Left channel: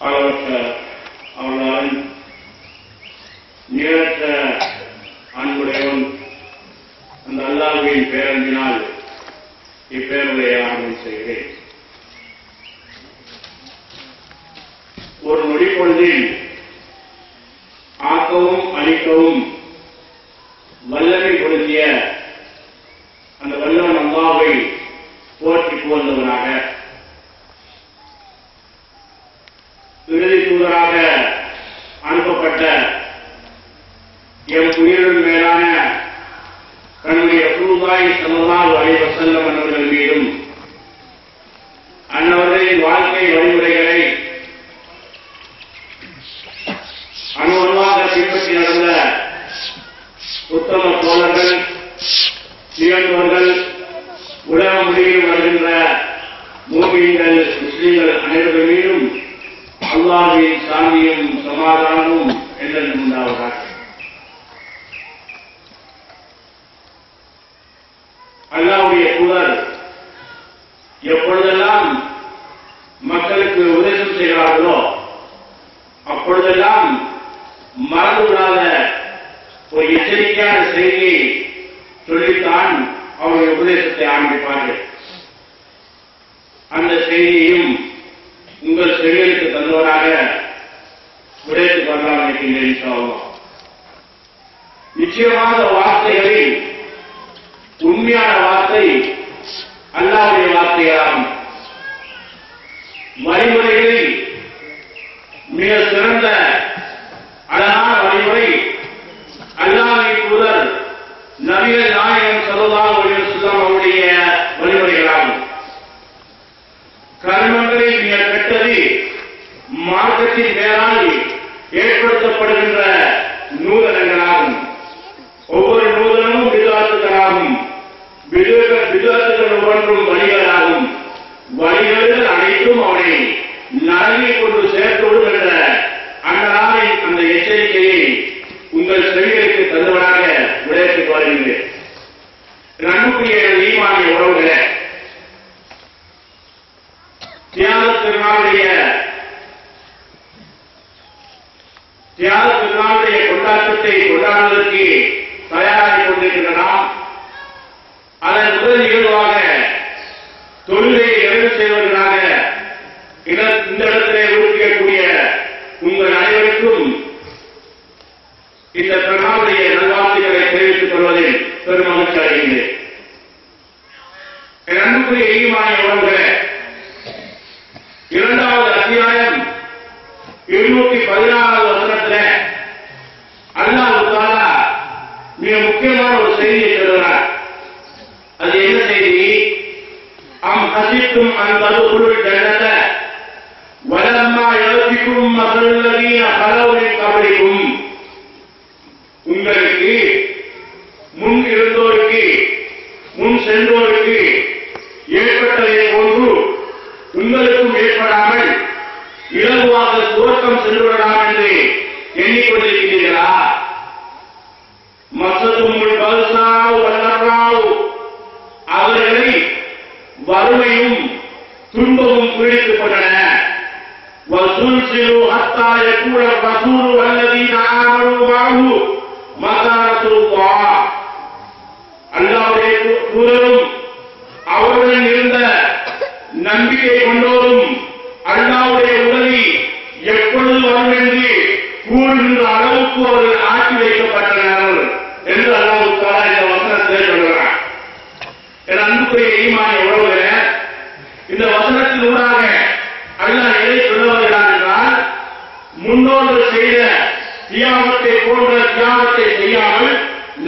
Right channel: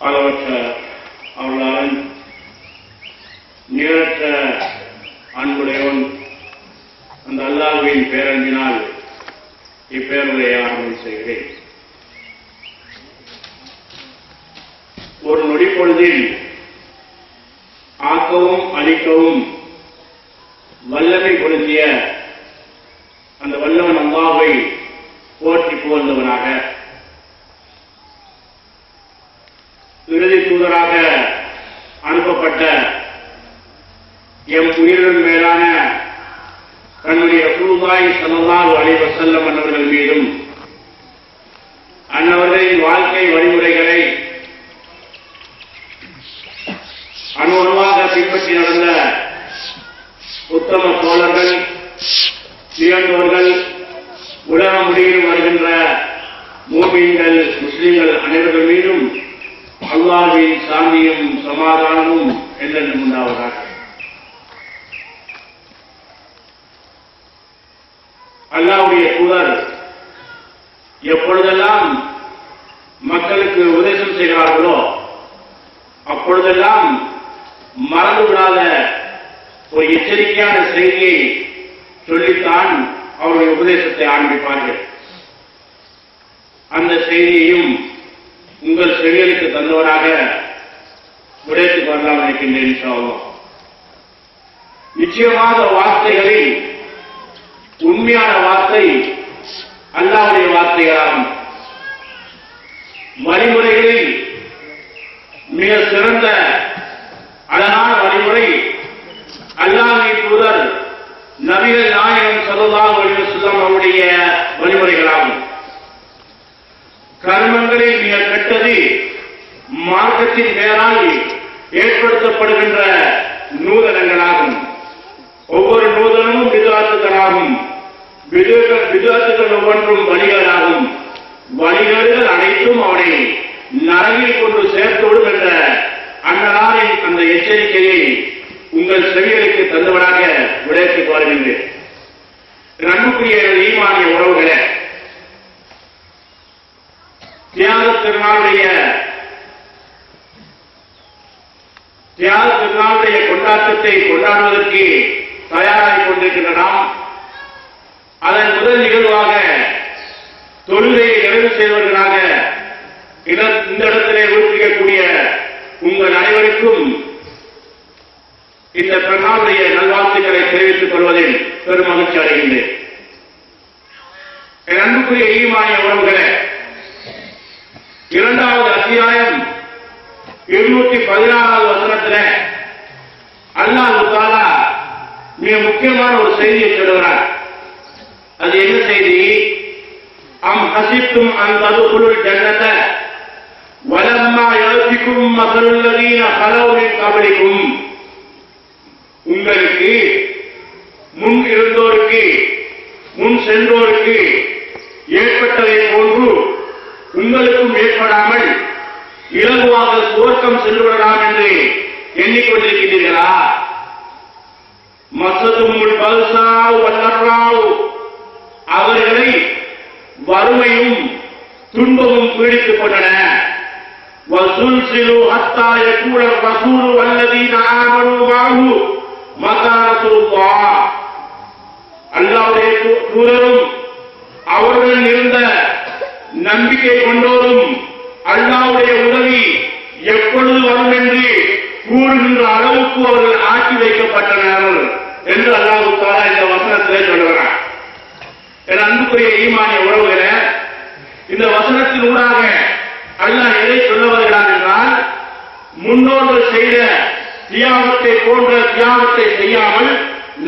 அளவற்ற அருளாளன், நிகரற்ற அன்புடையவன், அந்த அல்லாஹ்வின் பேரன்பினால் இப்பேருரையை ஆரம்பம் செய்கிறேன். ஒரு நொடிப்பொழுதில் ஆக்கவும் அழிக்கவும் வல்லமை பொருந்திய அந்த வல்லவன் அல்லாஹ்வை போற்றி புகழ்ந்தவனாக, இறுதி தூதராக அனுப்பப்பட்ட எம் உயிரின் மேலான தன்னுடைய ரசூலுல்லாஹி ஸல்லல்லாஹு அலைஹி வஸல்லம் அன்னவர்கள் மீதும் அன்னவர்களின் வாழ்க்கை வழிமுறைகளை அணுவணுவாக பின்பற்றி நடந்த உத்தம தோழர்கள், நிகழ்ந்தவர்கள், உலக முடிவில் வருகின்ற மூமின்கள், முஸ்லிம்கள் அனைவர்கள் மீதும் அல்லாஹ்வின் சாந்தியும் சமாதானமும் என்றென்றும் உண்டாவதாக. அல்லாஹ்வுடைய தூதர் எப்பொழுதெல்லாம் மக்களுக்கு உபதேசம் செய்கிறார்களோ அப்பொழுதெல்லாம் மறந்துவிடாத ஒரு எச்சரிக்கையான செய்தியை சொல்லித்தான் அவருடைய உபதேசத்தை ஆரம்பிப்பார்கள். அந்த செய்தியையும் உங்கள் செவிகளுக்கு தந்தவராக விடைத்துக் கொள்ளலாம் இருக்கின்றேன். இன்ஷா அல்லாஹ். நிச்சயமாக வார்த்தைகளில் உண்மையான வார்த்தை அல்லாஹ்வுடைய வார்த்தைகளாகும். வழிமுறைகளில் மிக சிறந்த அழகான வழிமுறை அல்லாஹ்வின் தூதர் நபிகள் நாயகம் ஸல்லல்லாஹு அலைஹி வஸல்லம் அவருடைய வழிமுறைகளாகும். கர்மங்களில் மிக கெட்டது மார்க்கத்தின் பெயரால் ஏற்படுத்தப்படுகின்ற நூதனங்களாகும். ஒவ்வொரு நூதனமும் பிதுஅத்துகளாகும். பிதுஅத்துகள் ஒவ்வொன்றும் வழிகளாகும். வழிகள் அனைத்தும் அவனை நரகில் கொண்டு சேர்த்துவிடும் என்ற அன்னாரின் அந்த எச்சரிக்கையை உங்கள் செவிகளுக்கு தந்தவனாக விடைத்துக் வருகின்றேன். அன்புக்குரிய ஈமானிய உறவுகளே, தியாக திருநாளுடைய கொண்டாட்டத்தை கொண்டாடுவதற்கு தயாராகிக் கொண்டிருக்கின்ற நாம் அதன் முதல் நிகழ்வாக தொழிலை நிறைவு செய்வதற்காக இந்த இடத்திலே உறுப்பிக்கக்கூடிய உங்கள் அனைவருக்கும் இந்த திருநாளுடைய நல்வாழ்த்துக்களை தெரிவித்துக் கொள்வதில் பெரும் மகிழ்ச்சி அடைகின்றேன். என் அன்புக்குரிய ஈமானிய உறவுகளே, 2வது அத்தியாயம் 216வது வசனத்திலே அல்லாஹ் தஆலா மிக முக்கியமான ஒரு செய்தியை சொல்கிறார். அது என்ன செய்தி? அம் ஹஸிப்தும் அன் ததுகுலுல் ஜன்னத வலம்மா யஅதிகும் மஸலுல் லதீன ஹலவ் மின் கப்லிகும். உங்களுக்கு முன் இருந்தோருக்கு, முன் சென்றோருக்கு ஏற்பட்டதை போன்று உங்களுக்கும் ஏற்படாமல் இலகுவாக சுவர்க்கம் சென்றுவிடலாம் என்று எண்ணிக்கொண்டிருக்கிறீர்களா? மஸதுமுல் பல்சாவ் வல்லர்ராவ், அவர்களை வறுமையும் துன்பமும் பீடித்துக் கொண்டன. வஸுல்சிலு ஹத்தா யகூல ரசூலு வல்லதீன ஆமனு மஅஹு மதா ரசூலுல்லாஹ், அல்லாஹ்வுடைய தூதரும் அவர்களுடன் இருந்த நம்பிக்கை கொண்டோரும் அல்லாஹ்வுடைய உதவி எப்பொழுது வரும் என்று கூறுகின்ற அளவுக்கு அவர்கள் ஆக்கி வைக்கப்பட்டனர் என்று அல்லாஹ் தஆலா இந்த வசனத்திலே சொல்கிறார். என் அன்புக்குரிய ஈமானிய உறவுகளே, இந்த வசனத்தின் ஊடாக அல்லாஹ் எதை சொல்ல வருகிறார் என்றால், முன்னோர்கள் செய்த தியாகத்தை போன்ற தியாகத்தை செய்யாமல்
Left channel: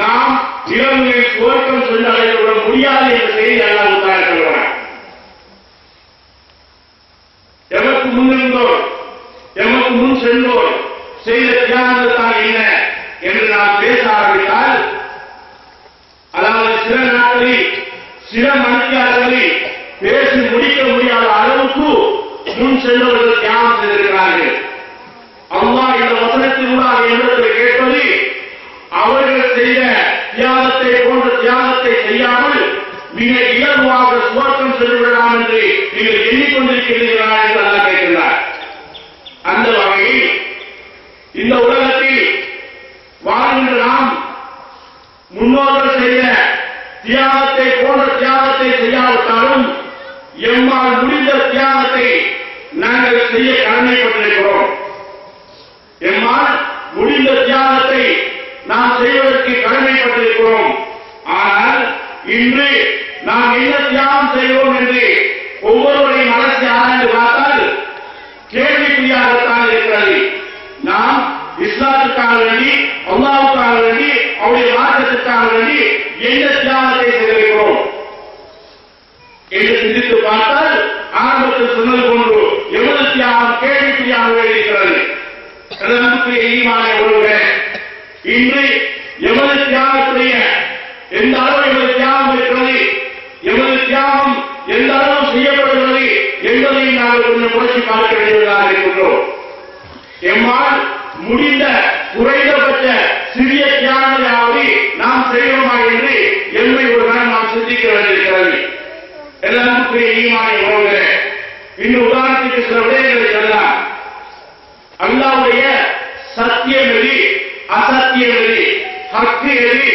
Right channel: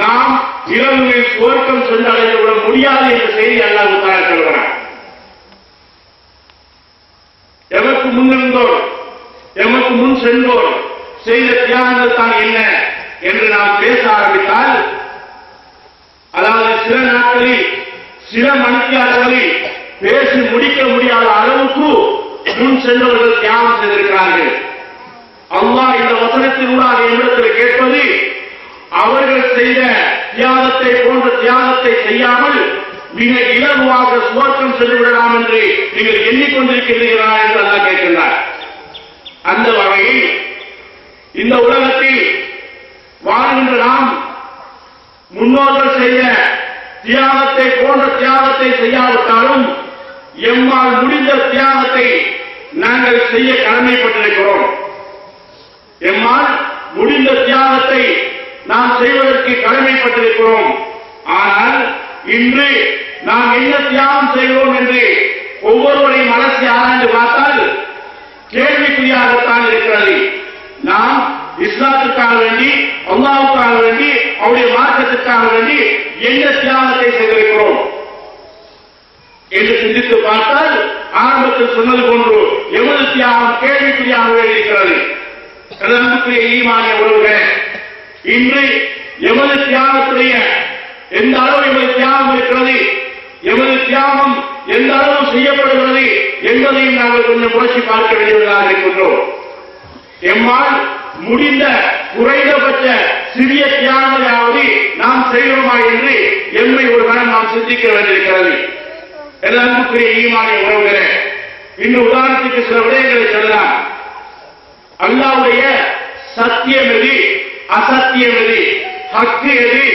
நாம் இரவுகளில் சுவர்க்கம் சென்று அடைந்துவிட முடியாது என்ற செய்தி அல்லாஹ் தஆலா சொல்கிறார். எமக்கு முன்னிருந்தோர், எமக்கு முன் சென்றோர் செய்த தியாகங்கள் தான் என்ன என்று நாம் பேச ஆரம்பித்தால், அதாவது சில நாட்களில் சில மணிக்காரர்களில் பேசி முடிக்க முடியாத அளவுக்கு முன் சென்றவர்கள் தியாகம் செய்திருக்கிறார்கள். அல்லாஹ் இந்த வசனத்தினூடாக என்னிடத்தில் கேட்பது, அவர்கள் செய்த தியாகத்தை போன்ற தியாகத்தை செய்யாமல் மிக இலகுவாக சுவர்க்கம் சென்று விடலாம் என்று நீங்கள் எண்ணிக்கொண்டிருக்கிறீர்களா என்று அல்லாஹ் கேட்கிறார். இந்த உலகத்தில் வாழ்கின்ற நாம் முன்னோர்கள் செய்த தியாகத்தை போன்ற தியாகத்தை செய்யாவிட்டாலும் எம்மால் முடிந்த தியாகத்தை நாங்கள் செய்ய கடமைப்பட்டிருக்கிறோம். எம்மால் முடிந்த தியாகத்தை நாம் செய்வதற்கு கடமைப்பட்டிருக்கிறோம். ஆனால் இன்று நாம் என்ன தியாகம் செய்வோம் என்று ஒவ்வொருவரையும் மனசை ஆராய்ந்து பார்த்தால் கேள்விக்குறியாகத்தான் இருக்கிறது. நாம் இஸ்லாத்துக்காக வேண்டி, அல்லாஹ்வுக்காக வேண்டி, அவருடைய மார்க்கத்திற்காக வேண்டி என்ன தியாகத்தை செய்திருக்கிறோம் என்று சிந்தித்து பார்த்தால் ஆரம்பத்தில் சொன்னது போன்று எமது தியாகம் கேள்விக்குறியாகவே இருக்கிறது. அன்புக்குரிய ஈமானை ஒருவரே, இன்று எமது தியாகத்துடைய எந்த அளவு எமது தியாகம் இருக்கிறது, எமது தியாகம் எந்த அளவு செய்யப்படுகிறது என்பதையும் நாங்கள் கொஞ்சம் புரட்சி பார்க்க வேண்டியவர்களாக இருக்கின்றோம். எம்மால் முடிந்த குறைந்தபட்ச சிறிய தியாகங்களாவது நாம் செய்வோமா என்று எம்மை ஒரு நாள் நாம் சிந்திக்க வேண்டியிருக்கிறது. எல்லாருக்குரிய ஈமானை உறவுகிறேன். இன்னும் உதாரணத்துக்கு சில விடயங்களை சொல்லலாம். அல்லாஹ்வுடைய சத்தியம் எது, அசத்தியம் எது, ஹக்கு எது,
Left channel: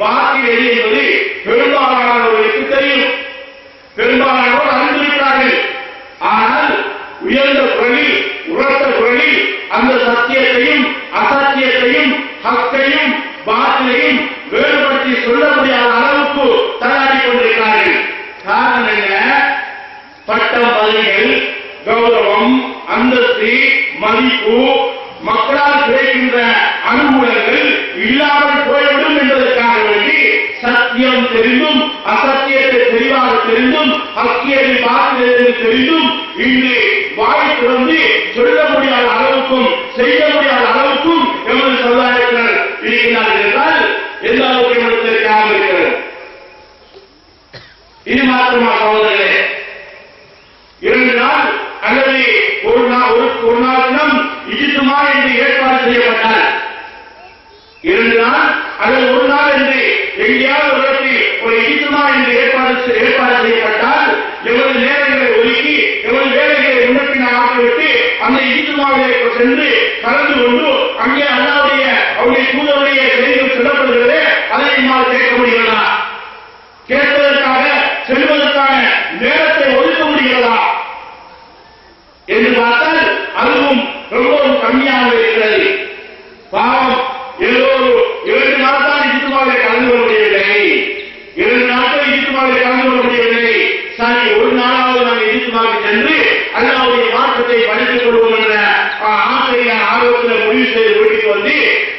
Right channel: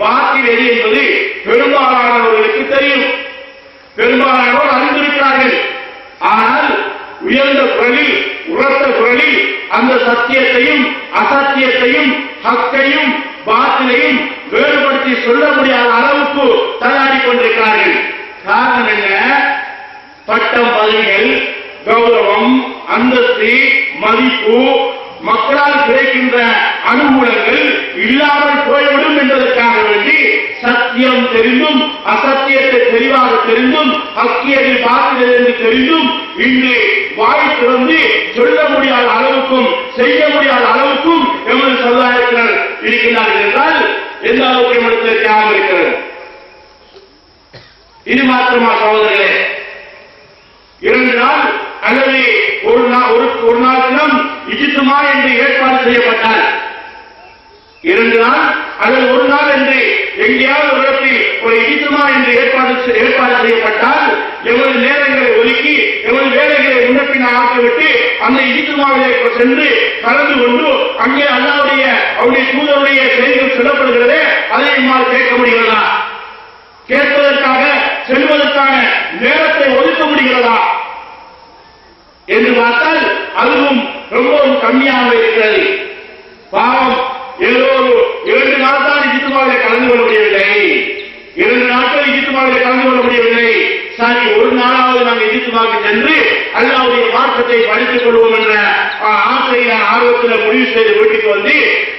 பாத்தில் எது என்பது பெரும்பாலானவர்களுக்கு தெரியும். பெரும்பாலானோர் அறிந்திருக்கிறார்கள். ஆனால் உயர்ந்த குரலில், உரத்த குரலில் அந்த சத்தியத்தையும் அசத்தியத்தையும் ஹக்கையும் பாத்திலையும் வேறுபடுத்தி சொல்ல முடியாத அளவுக்கு தயாரி கொண்டிருக்கிறார்கள். காரணம் என்ன? பட்டம், பதவிகள், கௌரவம், அந்தஸ்து, மதிப்பு, மக்களால் கிடைக்கின்ற அனுகூலங்கள் இல்லாமல் போய்விடும் என்பதற்காக வேண்டி சத்தியம் தெரிந்தும் அசத்தியத்தை தெளிவாக தெரிந்தும் ஹக்கியதை பாத்திலிருந்து தெரிந்தும் இன்று வாய் திறந்து சொல்ல முடியாத அளவுக்கும் செய்ய முடியாத அளவுக்கும் எமது சமுதாயத்தினர் இருக்கின்றார்கள் என்றால் எந்த அளவுக்கு எமது தியாகம் இருக்கிறது. இது மாத்திரமா சகோதரர்களே? 2 நாள் அல்லது ஒரு நாள் தினம் இஜித்துமா என்று ஏற்பாடு செய்யப்பட்டால், 2 நாள் அல்லது ஒரு நாள் என்று எங்கேயாவது ஒரு இடத்தில் ஒரு இஜித்துமா என்று ஏற்பாடு செய்யப்பட்டால் எமது நேரங்களை ஒதுக்கி எமது வேலைகளை முன்னப்பின் ஆக்கிவிட்டு அந்த இஜித்துமாவிலே சென்று கலந்து கொண்டு அங்கே அல்லாஹ்வுடைய அவருடைய தூதருடைய செய்திகள் சொல்லப்படுகிறதே அதை நம்மால் கேட்க முடிகிறதா? கேட்பதற்காக செல்வதற்கான நேரத்தை ஒதுக்க முடிகிறதா என்று பார்த்தால் அதுவும் ரொம்பவும் கம்மியாக இருக்கிறது. பாவம், ஏதோ 2 நாள் தான் இஜித்துமாவிலே கலந்து கொள்ள முடியவில்லை, 2 நாட்கள் இஜித்துமாவிலே கலந்து கொள்ள முடியவில்லை. சரி, ஒரு நாளாவது நாங்கள் இஜித்துமாவுக்கு சென்று அல்லாஹ்வுடைய மார்க்கத்தை படித்துக் கொள்வோம் என்ற ஆசையை ஆர்வத்தில் முடிவு செய்து வீட்டுக்கு வந்து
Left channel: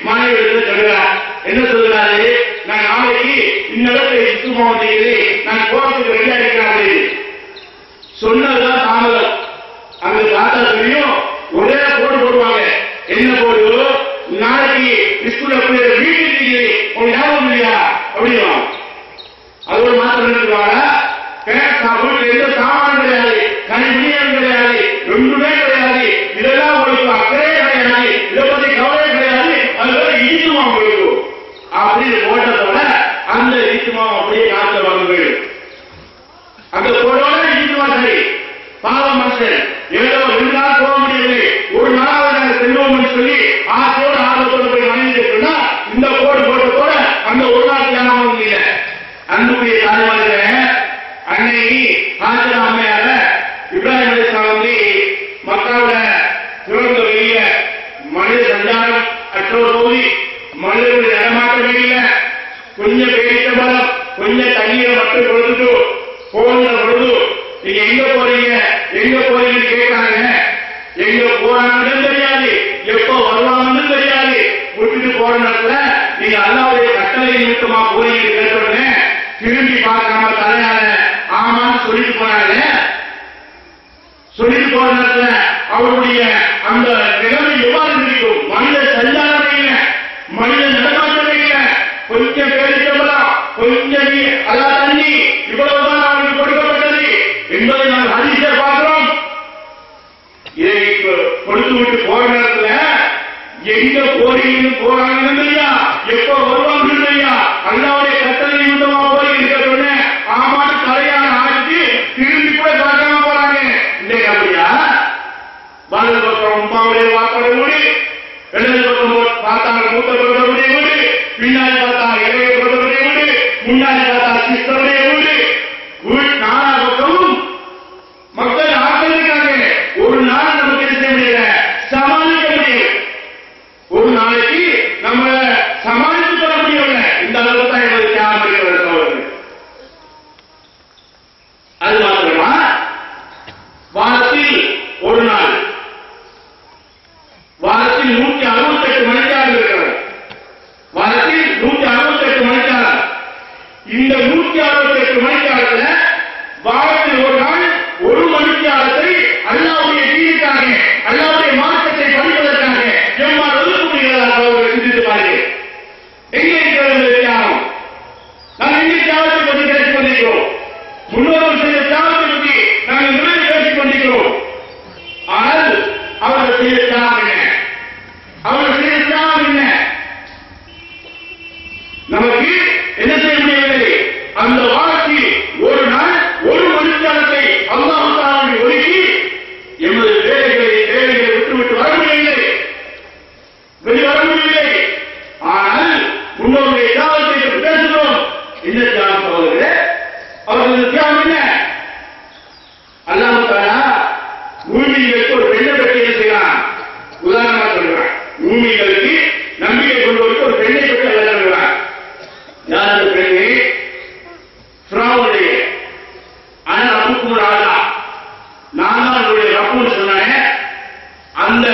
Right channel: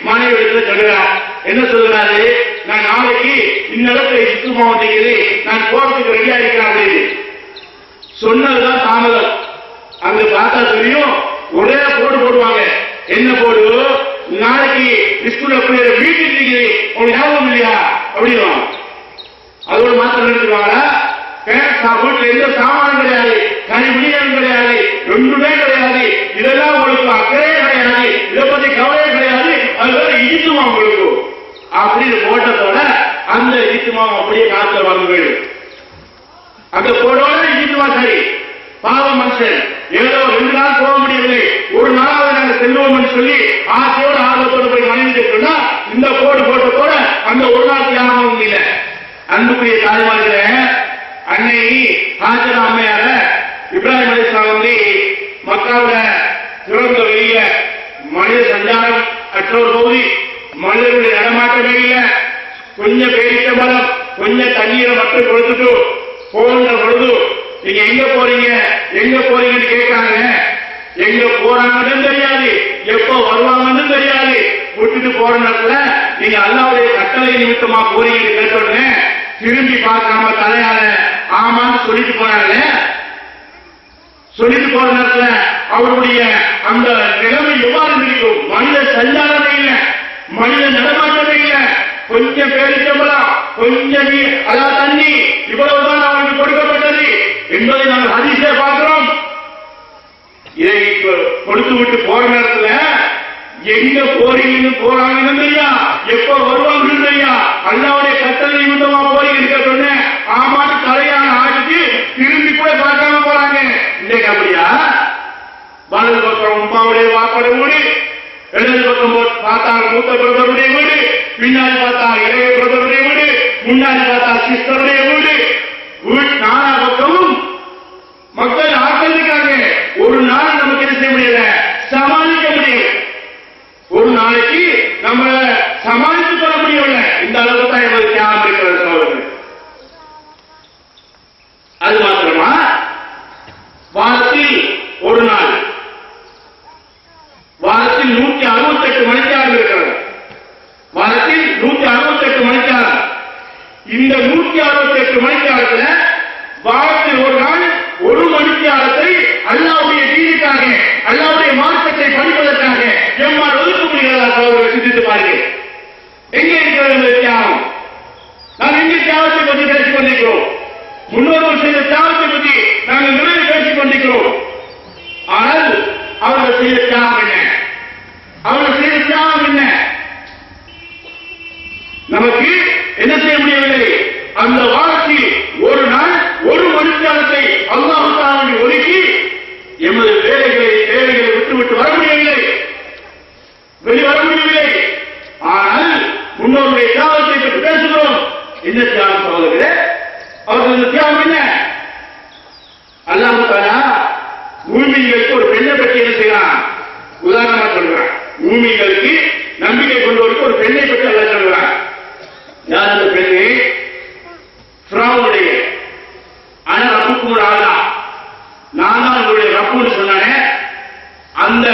மனைவிடத்தில் சொல்கிறார். என்ன சொல்கிறாரு? நான் நாளைக்கு இந்நேரத்தில் இஜித்துமா வந்தீங்க, நான் போறதுக்கு ரெடியா இருக்கிறார்கள். சொன்னதுதான் தாமதம். அங்க பார்த்தா தெரியும், ஒரே போடு போடுவாங்க. என்ன போடு? நாளைக்கு ஸ்கூல்ல வீட்டுக்கு உங்க ஞாபகம் இல்லையா அப்படின்னா அதோட மாத்திரம் நிறுத்துவாங்க. வீட்டுல எந்த சாமானும் கிடையாது, கனிமணியும் கிடையாது, ஒன்றுமே கிடையாது. இதெல்லாம் உங்களுக்கு அக்கறையே கிடையாது, இதை பத்தி கவலையே கிடையாது. அதுவரை இடித்துமா உங்களுக்கு அப்படின்னு போட்டதோட அந்த இடித்துமா அப்படியே காத்துல வாங்க அங்க போடுவாங்க. இடித்துமா சரி, பாவம் மனுஷன் ஏதோ 2 நாள் போக முடியவில்லை, ஒரு நாளாவது நாங்கள் செல்வோம் சொல்லி ஆசையோடு ஆர்வத்தோடு போய் மனைவி சொன்னா இந்த போடு போட்ட போட அந்த ஒரு நாள் தியாகமும் இல்லை. அன்புக்குரிய தாய்மார்கள, அன்னை ஹாஜரா அம்மையார இப்ராஹிம் அலைஹிஸ்ஸலாம் வந்து மக்காவுல திறந்த வெளியில மனித சஞ்சாரம் அற்ற ஒரு பகுதி, மனிதர்களுடைய நடமாட்டமே இல்லை. கொஞ்சம் பேரிட்ட மரம், கொஞ்சம் தண்ணீரை மட்டும் கொடுத்துட்டு போகின்ற பொழுது நீங்க எங்க போறீங்க எங்க போறீங்கன்னு கேட்காங்க. எங்க போறாங்கன்னு தெரியாது, எப்ப வருவாங்கன்னு தெரியாது. விட்டுட்டு போற நேரத்துல நீங்க அல்லாஹ்வுடைய கட்டளை நிமித்தமா போறீங்கன்னு கேட்டோடனே திரும்பி பார்க்காம தலையால ஆமான்னு சொல்லிட்டு போனாங்க. சொல்லிட்டு போற நேரத்துல அவருடைய அந்த நிலைமை எவ்வாறு இருக்கும்? மனித சஞ்சாரமே இல்லை, மனித நடமாட்டமே இல்லை. கொஞ்சம் பேரிட்டம்பலாம், கொஞ்சம் அதான் தண்ணி, இவ்வளவுதான் அவருக்கு கொடுக்கப்பட்டது என்பதை நாங்கள் ஹதீஸிலே பார்க்கிறோம். இதை கொடுத்து விட்டு போற நேரத்துல எங்க போறீங்கன்னு போறாங்கன்னு தெரியா, எப்ப வருவாங்கன்னு தெரியா, அல்லாஹ்வுடைய கட்டளை நிமித்தமா போறீங்க சொன்ன ஆமான்னு தலையான ஆடிட்டு திரும்பி கூட பார்க்காம போறாங்க. இன்னைக்கு அப்படியா? வலது பக்கம் உமாவுடைய வாப்படை மூடி, இடது பக்கம் பார்த்தால் மூத்த பிரதருடைய வீடு, பின்னாடி பார்த்தால் இளைய பிரதருடைய வீடு, முன்னாடி பார்த்தால் சிஸ்டருடைய வீடு. நாலா பக்கமும் மக்கள் ஆக்கிரமிக்காங்க. ஒரு நாள் நமக்கு என்ன செய்ய முடியல, சமாளிக்க முடியல. ஒரு நாளைக்கு நம்ம சமாளித்துக் கொள்ள முடியவில்லை. இந்த அளவுக்கு தான் எங்களுக்கு தியாகம் இருக்கிறது அவர்கள். அது மாத்திரமா, வாரத்தில் ஒரு நாள், வாரத்தில் 168 மணிக்காலம் இருக்கிறது. வாரத்தில் 168 மணிக்காலம். இந்த 168 மணிக்காலத்தில் வாரத்தில் ஒரு நாள் 1 மணிக்காலத்தை அல்லாஹ்வுடைய தீனுக்காக, அல்லாஹ்வுடைய மார்க்கத்தை படிப்பதற்காக எம்மால் ஒதுக்க முடிகிறதா? சிந்தித்து பாருங்கள். எங்கே இருக்கிறது தியாகம்? நாம் எங்கே தியாகத்தை பற்றி பேசிக் கொண்டிருக்கிறோம்? முன்னோர்கள் செய்த தியாகத்தை பற்றி நாங்கள் நிறைய பேசிக் கொண்டிருக்கிறோம். ஆனால் அவர்கள் செய்த தியாகம் என்ன? அவர்கள் செய்த தியாகம் என்ன? நமக்கு என்ன செய்ய முடியவில்லை. அந்த வாரத்தில் ஒரு நாள் 1 மணிக்காலத்தை அல்லாஹ் தஆலா ஒதுக்கி எமது வேலைகளை விட்டுவிட்டு வர முடியவில்லை, வெளிவர முடியவில்லை. ஆனால் முன்னோருடைய தியாகத்தை பற்றி பேசுகிறோம். என்ன தியாகம் சகோதரர்களே? அவர்கள் தியாகம் என்ன? அல்லாஹ் தஆலா பூமிகளுக்கு ஒரு பெண்ணை பற்றி என்ன செய்யலாம்? உதாரணமா சொல்றான். பூமிகளுக்கு நம்பிக்கை கொண்டவருக்கு ஒரு பெண்ணை பற்றி அல்லாஹ் சொல்றான். யார் அந்த பெண்ணு? ஃபிரௌனுடைய ஆனா ரப்புக்கும் ஆளா, நான் தான் உங்களுடைய ரப்புன்னு சொன்னானே, அந்த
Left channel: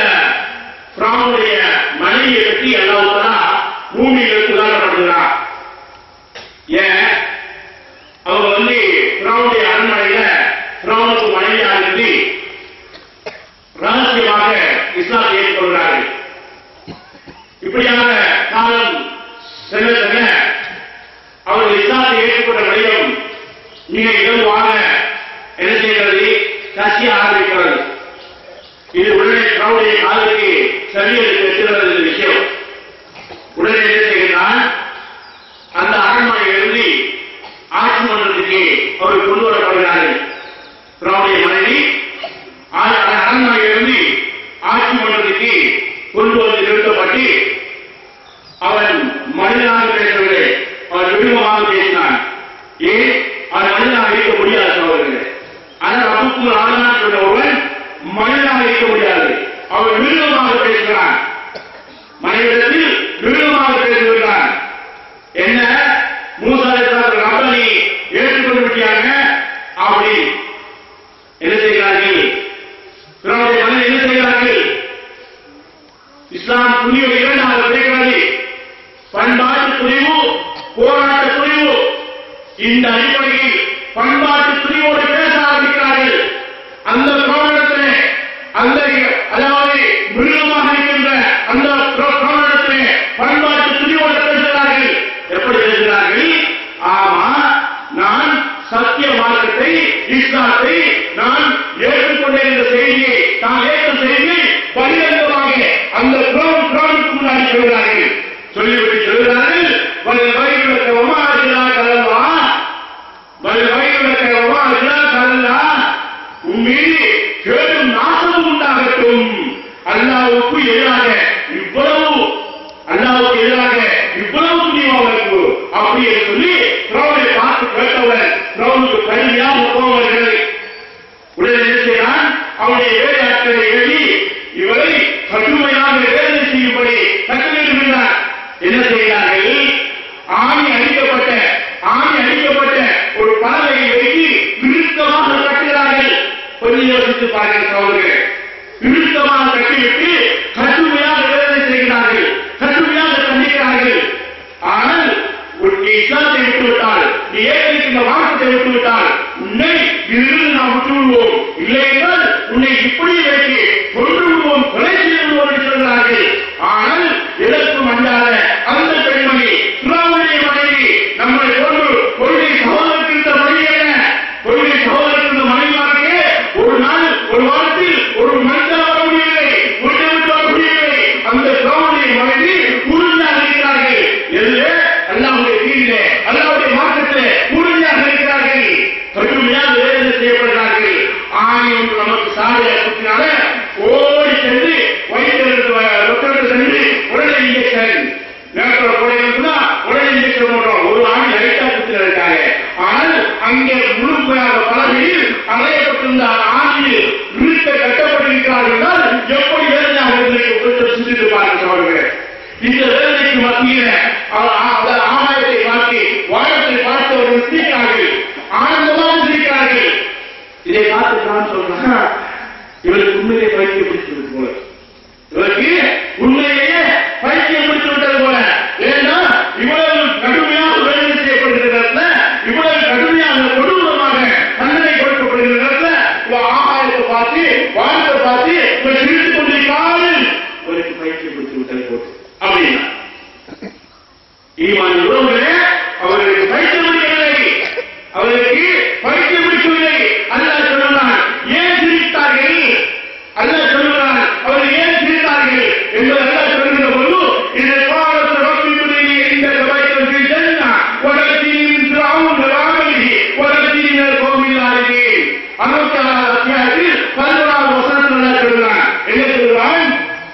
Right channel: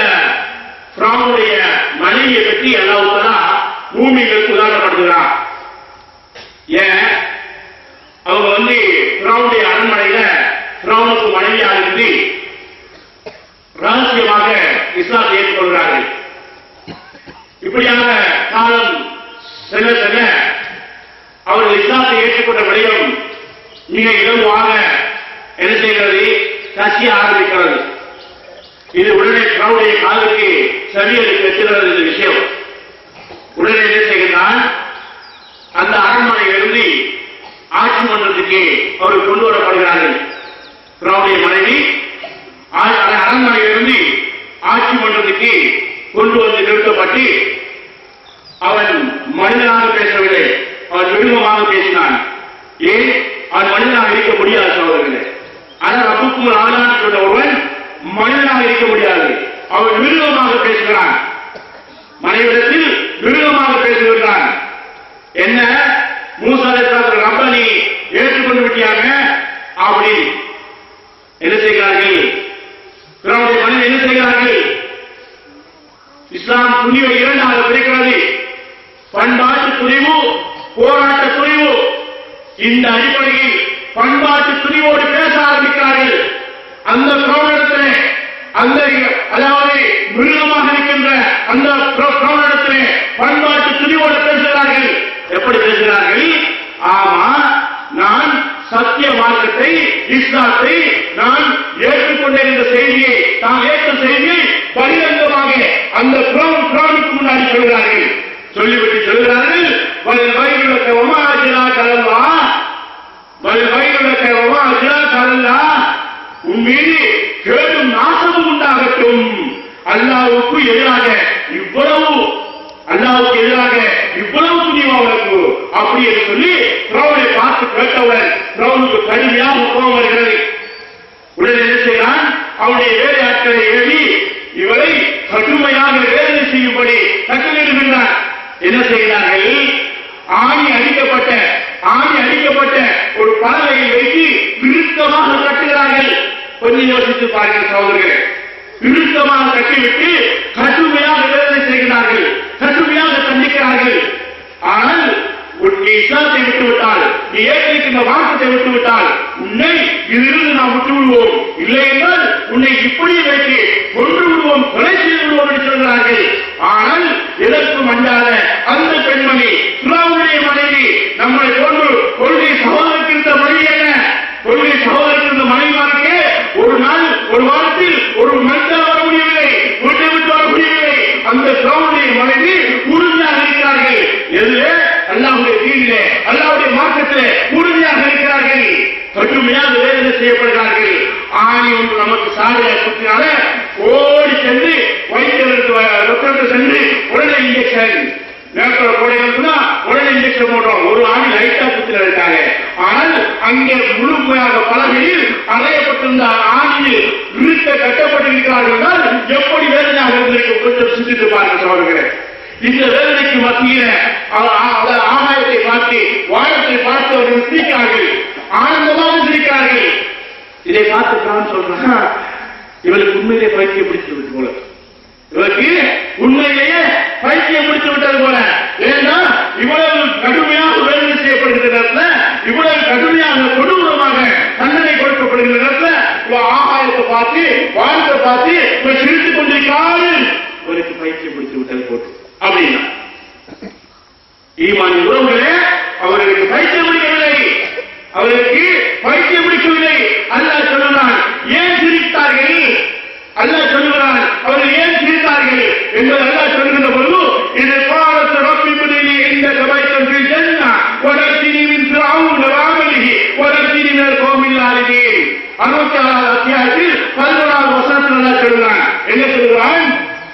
ஃபிரௌனுடைய மனைவியை பற்றி அல்லாஹ் தஆலா பூமிகளுக்கு உதாரணப்படுத்துகிறான். ஏன்? அவங்க ஃபிரௌனுடைய அரண்மனையில ஃபிரௌனுக்கு மனைவியாக இருந்து ரகசியமாக இஸ்லாத்தை ஏற்றுக்கொள்கிறார்கள். இப்படியான காலம் செல்ல செல்ல அவர்கள் இஸ்லாத்தை ஏற்றுக்கொண்ட வடிவம் மிக இலகுவாக என்ன செய்கிறது? கசிய ஆரம்பிக்கிறது. இது உடனே ஃபிரௌனுடைய காலுக்கு சரியலுக்கு வெற்றுகிறது. இந்த விஷயம் உடனே என்ன செய்கிறான்? அந்த அரண்மனையிலிருந்து ஆட்சி மன்றத்துக்கு அவர்கள் கொண்டு வரப்படுகிறார்கள். ஃபிரௌனுடைய மனைவி அரண்மனையிலிருந்து ஆட்சி மன்றத்துக்கு கொண்டு வந்து நிறுத்தப்பட்டு, அவன் மனிதனாக பேசவில்லை, அவன் மிருகமாக பேசினான். ஏன்? அவன் மனிதனாக இருக்க முடியாது சகோதரர்களே. ஆனால் ரப்புக்கும் ஆளான்னு சொன்ன ஒருவன் மனிதனாக இருக்க முடியாது, அவன் மிருகமாக பேசுகிறான். மனைவிடத்தில் மிருகமாக பேசுகிறான். என்ன? மூசா அலைஹிஸ்ஸலாம் ரப்பனை ஏற்றுக்கொண்டு விட்டாங்க அப்படி என்ன செய்கிறார்கள்? ஃபிரௌனுடைய மனைவி என்ன செய்கிறார்கள்? இஸ்லாம் துணிவை இரண்டாக பிரிக்கிறது. பண்பாட்டு துணிவு, போராட்ட துணிவு. இந்த அடிப்படையில் பண்பாட்டு துணிவோடு பேச ஆரம்பிக்கிறார்கள். அந்த ஃபிரௌனிடத்திலே, அந்த அதாவது மிருகமாக இருக்கின்ற அந்த ஃபிரௌனிடத்திலே பண்பாட்டு துணிவோடு பேசுகிறார்கள். எப்படி பேசுகிறார்கள்? ஆமா, நான் சத்திய மார்க்கத்தை, இஸ்லாத்தை நான் ஏற்றுக்கொண்டிருந்த செய்தியை, தான் ஏற்ற செய்தியை பகிரங்கமாக அந்த ஃபிரௌனுக்கு முன்னாடி சொல்கிறார்கள். சொல்லிவிட்டு சொல்கிறார்கள், உன் மீது கேடும் நாசமும் உண்டாகட்டும். அல்லாஹ்வுக்கு எதிராக இவ்வளவு, அல்லாஹ்வுக்கு எதிராக இவ்வளவு துணிவாக அப்படி என்று சொல்லி ஃபிரௌனை பார்த்து கேட்டவுடன் ஃபிரௌனுக்கு கடுமையாக கோபம் வருகிறது. உடனே என்ன செய்கிறான்? அவனுடைய வேலையாட்களை எழுதி இவரை கடுமையாக வேதனை செய்யும்படி கட்டளையிடுகின்றான். என்ன செய்கிறார்கள்? ஆணி அடிக்கப்பட்ட ஒரு பறவையை வைத்து இறுக்கமாக கட்டுகிறார்கள். கொஞ்சம் யோசித்து பாருங்கள் சகோதரர்களே. இறுக்கமாக கட்டிவிட்டு கடுமையாக வேதனை செய்கிறார்கள், கடுமையாக தண்டிக்கிறார்கள். ஆனால் நீ இஸ்லாத்தை விட்டுவிட்டால், நீ ஏற்றிருக்கின்ற வாக்கத்தை விட்டுவிட்டால் உன்னை இதிலிருந்து நாம் விட்டு விடுவோம், இல்லை என்றால் உன்னை இப்படி வைத்து கொன்று விடுவோம், கொலை செய்து விடுவோம் என்று சொல்கிறார்கள். ஆனால் எதற்கும் அஞ்சாத அந்த பெண்மணி ஃபிரௌனுடைய மனைவி நம்மை போன்று கொள்கை சகோதரத்திருந்த மனைவி என்ன? கொள்கை சகோதரத்திருந்த மனைவிமாருக்கு ஒரு நாள், ஒரு வாரத்தில் ஒரு மனிதன் வர முடியவில்லை, வீட்டை விட்டு வர முடியவில்லை. அந்த ஃபிரௌனுடைய மனைவி உறுதியாக இருக்கிறார்கள். எதிலே? அல்லாஹ்வுடைய தீனிலே, அல்லாஹ்வுடைய மார்க்கத்திலே உறுதியாக இருக்கிறார்கள். கடுமையாக வேதனை செய்யப்படுகிறார்கள். ஆணி ஒன்று நமக்கு சாலையை குத்தினால ஓடி சென்று வைத்தியர்களுக்கு சென்று பலகையில் அறையப்பட்டிருந்த ஆணியில் இருக்க கட்டப்பட்டிருக்கிறார்கள் என்றால் எப்படி வேதனையாக இருந்திருக்கும் கொஞ்சம் சிந்தித்து பார்க்க சொல்கிறேன். இந்த வேதனைக்கு மத்தியில் ஆகாயத்தை பார்த்து வானத்தை பார்த்து அவர்கள் சிரிக்கிறார்கள், ஆனந்தமாக சிரிக்கிறார்கள். இதை பார்த்து நான் சொல்றேன், இவருக்கு உண்மையிலே பைத்தியம் பிடித்து விட்டு போல, இவருக்கு உண்மையிலேயே பைத்தியம் பிடித்து விட்டது போல. ஏன்னா இவ்வளவு கடுமையாக வேதனை செய்யப்படுகிற நேரத்தில், இவ்வளவு கடுமையாக கொடூரமாக தண்டனை கொடுக்கப்படுகிற நேரத்தில் ஆகாயத்தை பார்த்து வானத்தை பார்த்து சிரித்துக் கொண்டிருக்கிறார்கள். இவருக்கு பைத்தியம் பிடித்து விட்டது போட்டு அப்படின்னா ஈமான் உறவுகளே, அவர்களுக்கு பைத்தியம் பிடிக்கவில்லை, அவர்களுக்கு பைத்தியம் பிடிக்கவில்லை. அல்லாஹ் சொல்லுகிறான், ஏன் சிரித்தார்கள்? அல்லாஹ் சொல்லுகிறான், அவர்கள் ஏன் சிரித்தார்கள் என்பது அல்லாஹ் சொல்கின்ற பொழுது, இது பாரத் ரப்பிபுனி இந்த கபைத்தம் ஃபில் ஜன்னா வலக்தினி மின் ஃபிரௌன் வஅமலிஹி வலக்தினி மினல் கௌமில் ஆலிமீன். 66 அத்தியாயத்தில் 11வது வசனத்தில் அல்லாஹ் சொல்கிறான், என்ன சொல்கிறான்?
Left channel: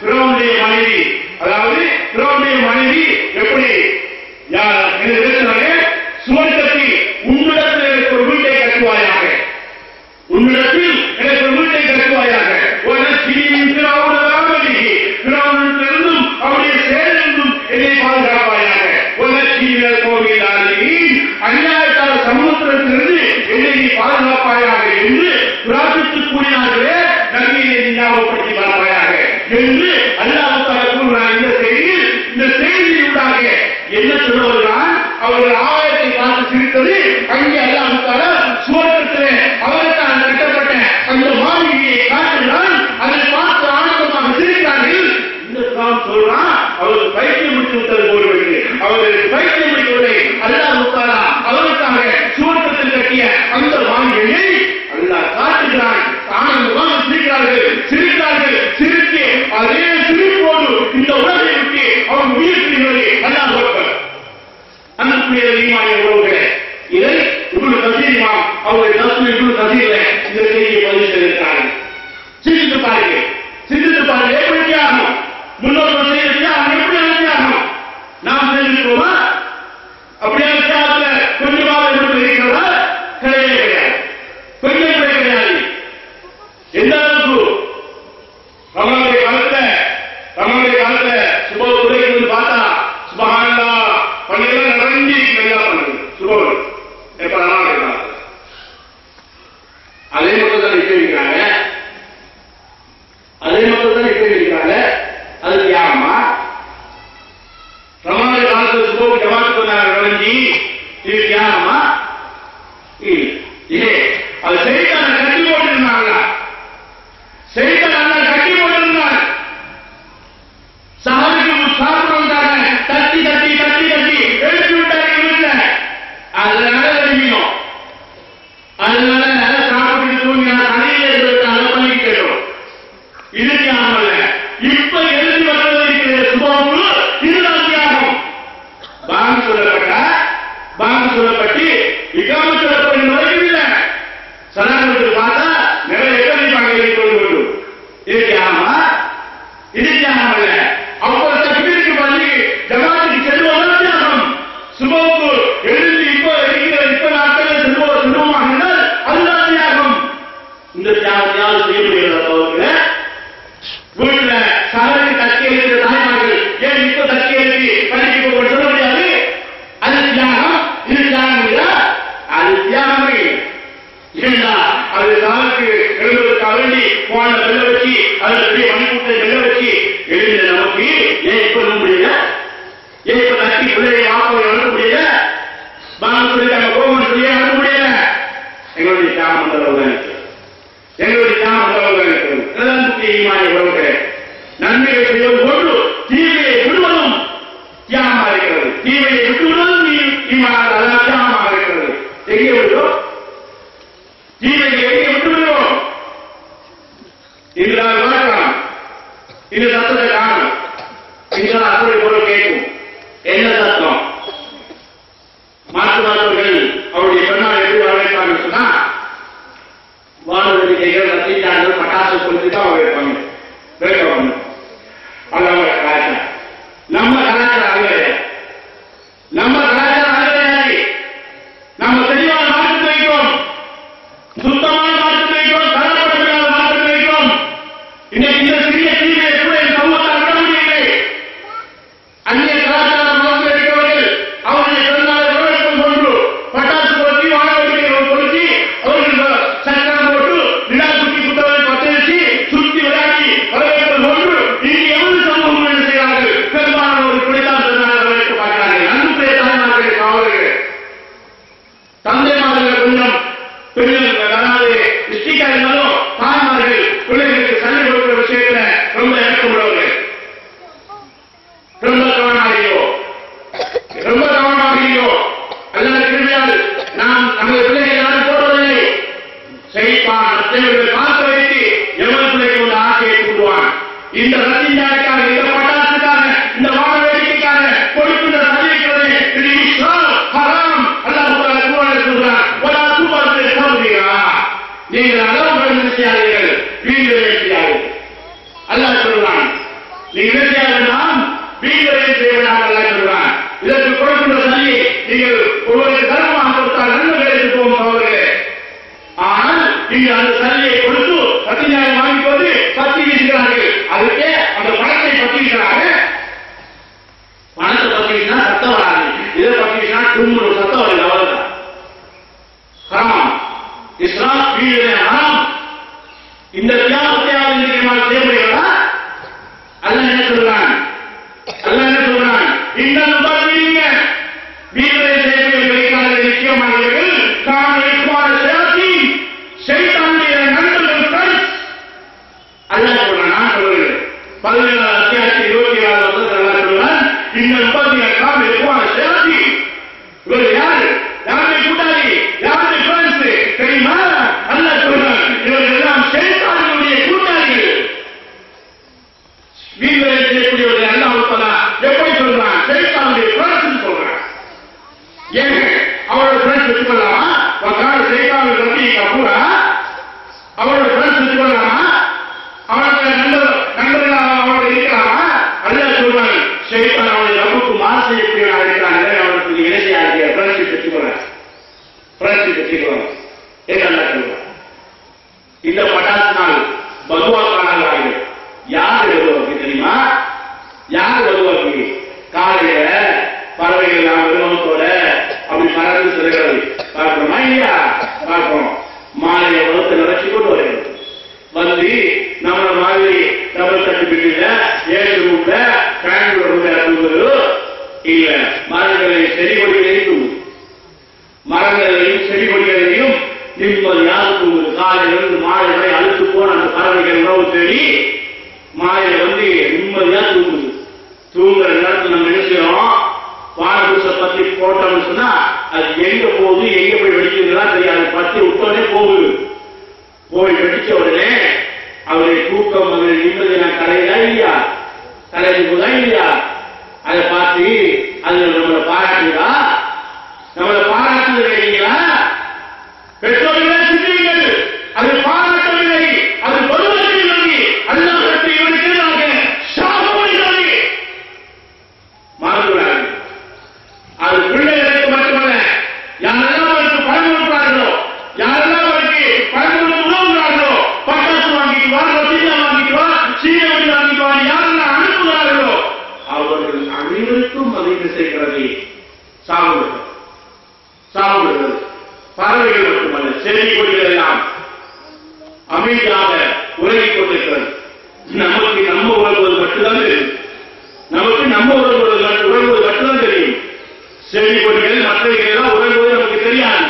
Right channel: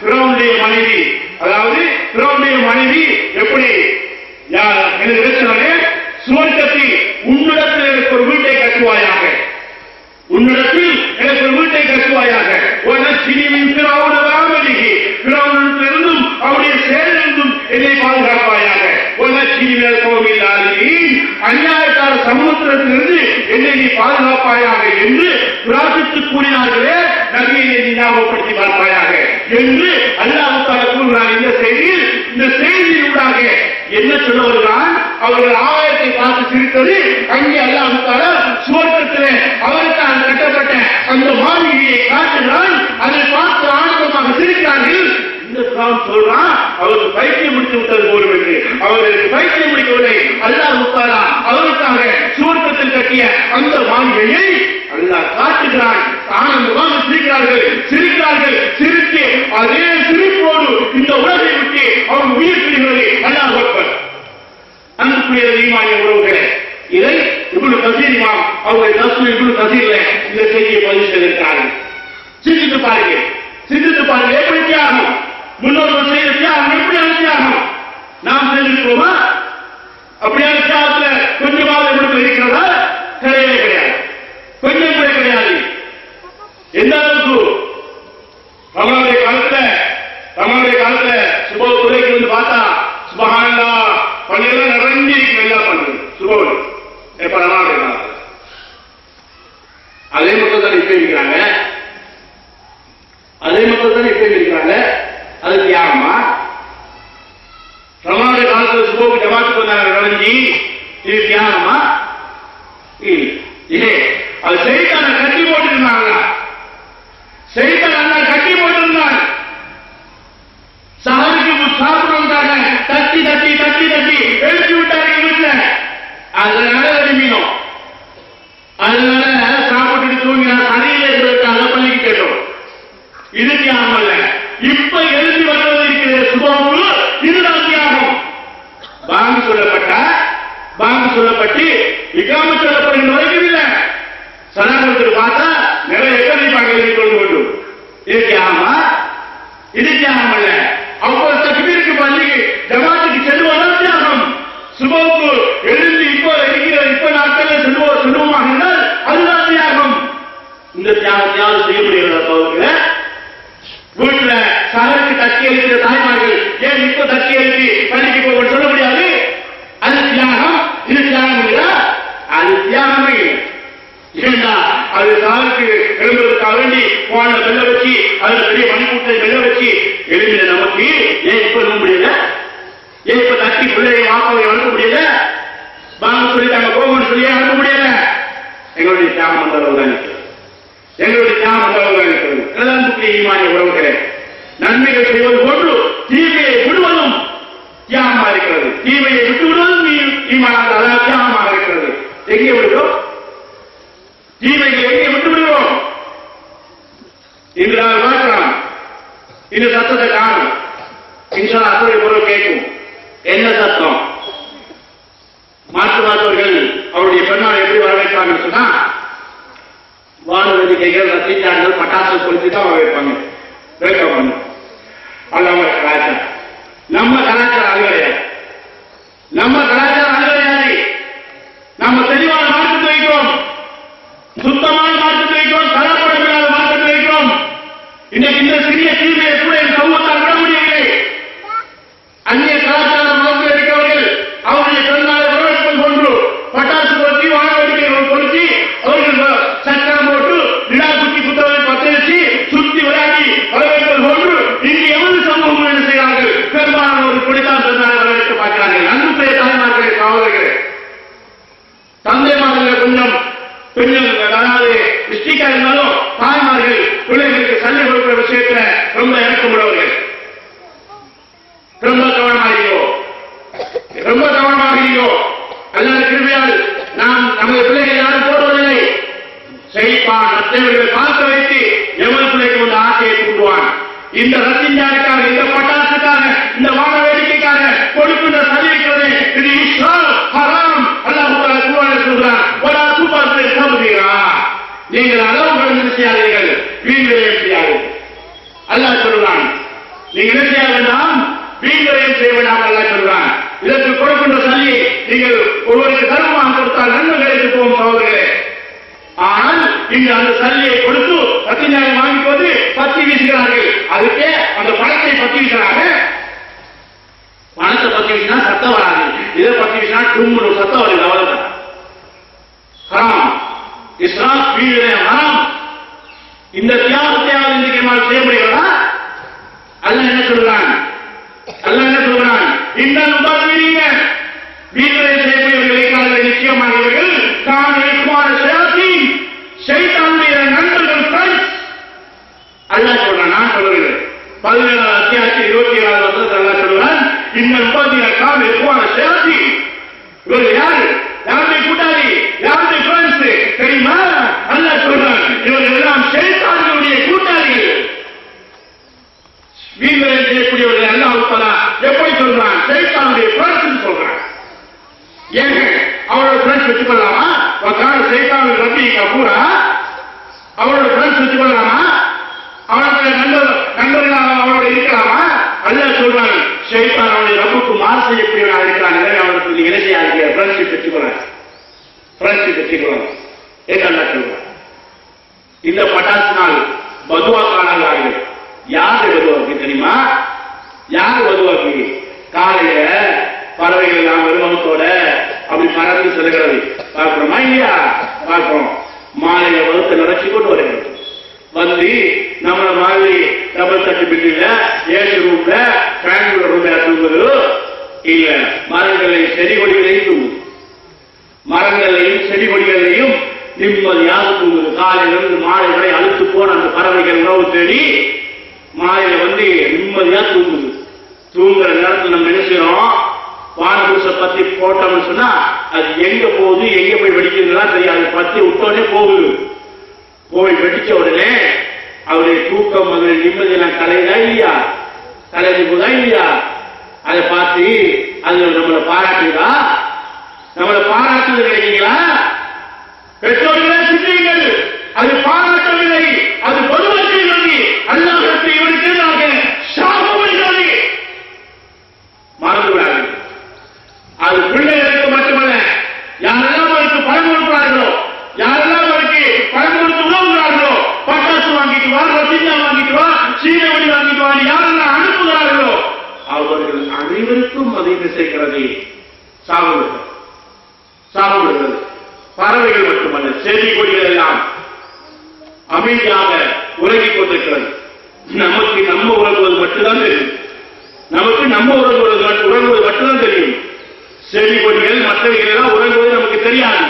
ஃபிரௌனுடைய மனைவி, அதாவது ஃபிரௌனுடைய மனைவி எப்படி சுவர்க்கத்தில் உன்னிடத்தில் எனக்கு ஒரு வீட்டை கட்டுவாயாக, உன்னிடத்தில் எனக்கு ஒரு வீட்டை கட்டுவாயாக, பிறவனிலிருந்தும் அவருடைய செயலிலிருந்தும் என்னை பாதுகாப்பாயாக, அநியாயத்தார சமூகத்திலிருந்து என்னை நீ பாதுகாப்பாயாக என்று பிரார்த்தித்து கூறினார்களே, நபியை ஞாபகப்படுத்தி பார்ப்பாயாக என்று அல்லாஹ் தஆலா கூறுகிறார். இந்த செய்தியூடாக என்ன சொல்ல வருகிறான்? அவர்கள் ஆகாயத்தை பார்த்து சிரித்தது, அங்கே அல்லாஹ் தஆலா சுவர்க்கத்திலே அவருக்காக கட்டப்பட்ட அந்த மாளிகையை காட்டுகிறான். அதை பார்த்து ஆனந்தமாக சிரிக்கிறார்கள். இந்த குர்ஆன் சொல்றான், அவருக்கு பைத்தியம் முடித்து விட்டது போல என்று. அவர்களுக்கு பைத்தியம் முடிக்கவில்லை. அல்லாஹ் தஆலா அவருக்காக சுவர்க்கத்தில் கட்டிய அந்த மாளிகையை அல்லாஹ் காட்டுகிறான். ஆனந்தமாக சிரிக்கிறார்கள், சிரிக்கிறார்கள். சிரித்து அதே சிரிப்போடு இந்த உலகை விட்டு அவர் உயிர் பிரிகிறது. அல்லாஹ் அக்பர். அன்புக்குரிய ஈமானிய உறவுகளே, இதை இப்னு கஸீர் இமாம் அவர்கள் தஃசீர் இப்னு கஸீர்ல இந்த செய்தியை பதிவு செய்திருக்கிறார்கள். சிந்தித்து பாருங்கள், சிந்தித்து பாருங்கள். எப்படி தியாகம், முன்னோர்கள் செய்த தியாகம் எப்படி தியாகம் நாம் செய்திருக்கிறோமா? அப்படியான தியாகத்துல கொஞ்சமாக எப்படி இருக்கிறதா? கிடையவே கிடையாது, கொஞ்சம் கூட கிடையாது. எந்த அளவுக்கு ரமலானுடைய காலத்துல சுப துறைக்கு வந்து பார்த்தா சுபஹானல்லாஹ் பள்ளியெல்லாம் நிறைஞ்சி நல்லா பண்ணுது. சுபவன் எப்ப ரமலானுடைய காலத்துல அதே மக்கள் தான் இப்ப இருக்கிறாங்க, அதே மக்கள் தான் இப்ப இருக்கிறாங்க. அது தியாகமா? ரமலானுடைய காலத்துல சுபவுக்கு ஜமாத்துக்கு வந்தாங்க நிறைஞ்சி, இது தியாகமா? இல்லை. அது செய்தான கட்டி போட்டிருந்தாங்க, செய்தான் கட்டி போட்டிருந்தான். சஹருக்கு சாப்பிட்டு வந்தாங்க, தட்டி தட்டி தட்டி தட்டி எழுப்பி விட்டாங்க வீட்டுல. அதனால எழுப்பினோம், அதனால சாப்பிட்டு தூங்கி தனியில இருக்கிற பள்ளிக்கு கேட்டோம். இது தியாகம் அல்ல. இப்ப எழுதி வருவது இருக்கிற சுபமுழு இதுதான் தியாகம். பாங்கு சொல்லப்பட்டு இகாம சொல்லப்படுகிற வரைக்கும் இல்லை. சனாதனத்தில் பார்த்தா நிறைய எத்தனைப்பாங்க கொண்டு கொண்டும். இது தியாகமா? இது தியாகம் அல்ல. அவ்வளவு தக்பீருக்கு பள்ளி ஜமாத்துக்கு செல்வதும் தியாகம். சுபவுக்கு எழுந்து இப்ப நாட்களில் செல்வமாக இருந்தால் அதுதான் தியாகம். இந்த தியாகம் யாரும் செய்ய முடியாது. வீட்டுல சகருக்கு தட்டி எழுதிய தாய்மார்கள் ஏன் இப்ப தட்டி எழுதி பள்ளிக்கு போக சொல்ல முடியாது? அது தியாகம். இது தியாகம் இல்லையா? அது தியாகமே. ஏன்னா அது சாருக்கு எழுதுவதற்காக வேண்டி போன வெள்ள வச்சு அது பெரிய மணிக்கூட்டை வெள்ள வச்சு எழுதின நமக்கு ஏன் இப்ப எழுத முடியல? ஏன் இப்ப தட்டி பிள்ளையை வாப்பாவை அனுப்ப முடியல? வாங்க சொல்லிட்டாங்க கோபம் சொல்லி அனுப்ப முடியல. எங்களுடைய தியாகம் அந்த அளவு தான் இருக்கிறது. எங்களுடைய தியாகம் அந்த அளவு தான் இருக்கிறது. அன்புக்குரிய ஈமானிய உறவுகளே, நன்மைகள் செய்வது போன்று தீமையை விடுவதும் தியாகமாக இருக்கிறது. தீமையை விட்டு விடுவதும் தியாகமாக இருக்கிறது. எங்கே விடுவோம்? தீமையை எங்கே விட்டு விடுவோம்? இன்று நான் பார்க்கலாம், இந்த சத்தத்தை காணும். இன்று அத்தனை பொருள் கேட்கும். என்ன சத்தம்? மாற்றுவாதவர்கள் அவருடைய பெண்ணால் எப்படி வரவேற்பாங்க சொன்னா, வானொலி கைகள் ரசித்தார்கள் பட்டாசு கொடுத்து தான் வரவேற்பாங்க. வேட்பாங்க. அது அவங்க கலாச்சாரம். நம்ம கலாச்சாரம் அது கிடையாது. நம்ம கலாச்சாரம் அது கிடையாது. நம்ம தெளிவான மாற்றத்தை வைக்கிறோம். இன்னைக்கு இந்த சிறிய தீமையை கூட என் சமூகத்தால் விட முடியவில்லை. அந்நிய கலாச்சார மதத்தில் இருக்கிறவர்கள் அவருடைய பிறந்தநாளை வரவேற்பது போன்று பட்டாசு பொருத்தி வானவெடிக்கைகள் பொருத்தி அவர்கள் சக்கரம் போட்டு விழா குட்டி புத்தகத்தை பற்ற வச்சு சுத்தி விளையாடி வரவேற்பது போன்று இங்கு எவ்வளவு சமூகம் என்ன செய்கிறார்கள்? பெரும்பாலானவர்கள் குடித்தான் பிறந்தநாளை வரவேற்க பார்க்கிறார்கள். அன்புடைய தாய்மார்களே, காவலர்களே, தந்தைமார்கள் கொஞ்சம் பெண்கள் அதாவது மிஸ்டேக்கா இருந்தாலும் தாய்மார்கள் பிள்ளைகளுக்கு சண்டை கொடுக்கிற விஷயத்துல ரொம்ப இறக்கமுள்ளவர்கள். ரொம்ப கவனமாகிறீோ அல்லது கிருமியால் நாம் நமது பிள்ளைகள் யாரும் போடுவதில்லை. செய்வான் மற்றவர்களை பார்க்க வைத்து எவன் பிள்ளைக்கு ஒரு ஆசையை தூண்டுவான். இந்த ரத்திஞ்சாருக்காக, இந்த பட்டாசுக்காக, இந்த வான வேடிக்கைக்காக கொடுக்கின்ற சதிக்கிறது இது இஸ்லாம் ஹராம். அல்லாஹ் குர்ஆனில் சொல்றான், வலா துபஸ்ஸிர் தப்ஸீரா, நீங்கள் அளவு கடந்து செய்யாதீர்கள், வீண்விரயம் செய்யாதீர்கள். அல்லாஹ் சொல்றான், நீங்கள் என்ன செய்ய வேண்டாம், வீண்விரயம் செய்ய வேண்டாம். அல்லாஹ் சொல்றான், இதற்கு கொடுக்கின்ற சதியை நீங்கள் ஒருவருக்கு தர்மமாக கொடுத்தால் நன்மை கிடைத்து போகும் சகோதரர்களே. ஆனால் இங்கு அந்த சதியை கொடுத்து ரத்திஞ்சாயம் வாங்கிக்கொண்டு பத்தி வீசுகிறார்கள். அதுக்கே அந்த பணத்தை பத்தி வீசுகிறார்கள். பணத்தை பத்தி வீசினா சத்தம் வராது, இதை பத்தி வீசினா தும்முன்னு சத்தம் வருது. அவ்வளவுதான். ஹராம். இஸ்லாம் வீழ்விரயம் ஹராம். இந்த தியாகத்தையாவது இன்றைக்கு நம்மால் செய்ய முடியுங்களா? அல்லாஹ் என்ன சொல்றான்? இன்னும் உபாதிங்க வீழ்விரயம் செய்யக்கூடியவர்கள் நிச்சயமானவர்கள் காண சைத்தானுடைய நண்பர்கள் ஃப்ரெண்ட்ஸ். அல்லாஹ் சொல்றான், நான் சொல்றேன் 17 அத்தியாயத்தில் 27 வசனத்தில் அல்லாஹ் சொல்றான், இன்னும் உபாதிக்கான சேத்தி. இவர்கள் யாரு? யாருடைய கூட்டாளி, யாருடைய ஃப்ரெண்ட்ஸ் தெரியுமா? அல்லாஹ் சொல்றான், இவர்கள் எல்லாம் சைத்தானுடைய கூட்டாளிகள். வீழ்விரயம் செய்யக்கூடியவர்கள் அல்லாஹ் தஆலா எப்படி சொல்றான்? சைத்தானுடைய ஃப்ரெண்ட்ஸ் சொல்றான். ஏன் அவரோட ஃப்ரெண்ட்ஸ் வச்சுக்கொள்ளலாமா? வகால சைத்தான் ரப்பி கபூரா, அவரோட ஃப்ரெண்ட்ஸ் வச்சுக்கொள்ளலாமா? அவனுடைய நண்பர்களாக அவரோட இருக்கலாமா? அல்லாஹ் சொல்றான், சைத்தான் அவனுடைய ரப்புக்கு மாறு செய்யக்கூடியவனாக இருக்கிறான். அவனுக்கு இணையா இருக்கிற ஃப்ரெண்ட்ஷிப் வச்சுக்கொள்ள என்று அல்லாஹ் சொல்றான். இந்த பட்டாசு நாள் பதுவா காணார்கள். யாரு பதுவாக்கு தெரியுமா? யாரு பதுவாக்கு? காலையில பறவைகள் எல்லாம் விரும்பத்தோட அப்படி பறந்து செல்கிறது பார்க்கிறோமா இல்லையா? பார்க்கிறோம். மாலையை வகுத்து நடத்தி கொண்டு வருகிறது. வந்து நம்மள மாதிரி டபுள் தட்டு பில்டிங்ல ஏசி ரூம்ல பெங்களூர் ரூம்ல தூங்குறது இல்ல, மரங்களையும் செடி கொடிகளையும் தூங்குது. மரங்களையும் செடி கொடிகளையும் நிம்மதியாக தூங்குது. காலையிலிருந்து மாலை வரை அழுத்து போன அந்த பறவைகள் உணவு தேடி மாலையில வந்து நிம்மதியா தூங்குது. தூங்குற நேரத்தில் நம்ம என்ன செய்யறோம்? வானபூச பத்தி போட்டோம்னு சொன்னா அது எங்க போகுது, எங்க போய் வெடிக்கிறதுலாம் தெரியாது. பத்தி விட்டோடனே போகுது. போய் வெடிச்ச உடனே அவருடைய தூக்கம் அவருடைய நிம்மதியெல்லாம் கலையுதா இல்லையா? கலைஞ்சு போதா இல்லையா? அதை பார்த்து அது நம்மளை பாராட்டுதா? நம்மளை பாராட்டுவது இல்லைங்களா? பெற்றோர்களே சிந்தியுங்கள். அது பாராட்டவில்லை, அது பொதுவாக அல்லாஹ்விற்கு இவருக்கு சாபமில்லை. மறந்துவிடாது. அது பிள்ளைகளுக்கு மட்டுமல்ல, யாரெல்லாம் அவருக்கு பணம் கொடுக்கிறார்களோ, யாரெல்லாம் அவருக்கு பணம் கொடுத்து உணவுகிறார்களோ, பட்டாசு வாங்கிட்டு வா, ரத்தினா வாங்கிட்டு வா, சீனவடி வாங்கிட்டு வா, யாரெல்லாம் அனுப்புகிறார்களோ அவர்கள் அனைவருக்கும் அதை சேர்க்கிறது. சாப்பிடுகிறது. பறவைகள் மட்டுமல்ல, செடி கொடிகள் எல்லாம் அமைதியாக உறங்கிக் கொண்டிருக்கிறது. நமக்கு நம்ம உறங்குவது மட்டும்தான் தெரியும். நமக்கு நம்ம உறங்குவது மட்டும்தான் தெரியும். செடி கொடிகள் மற்றவைகள் எல்லாம் உறங்குவது நமக்கு தெரியாது.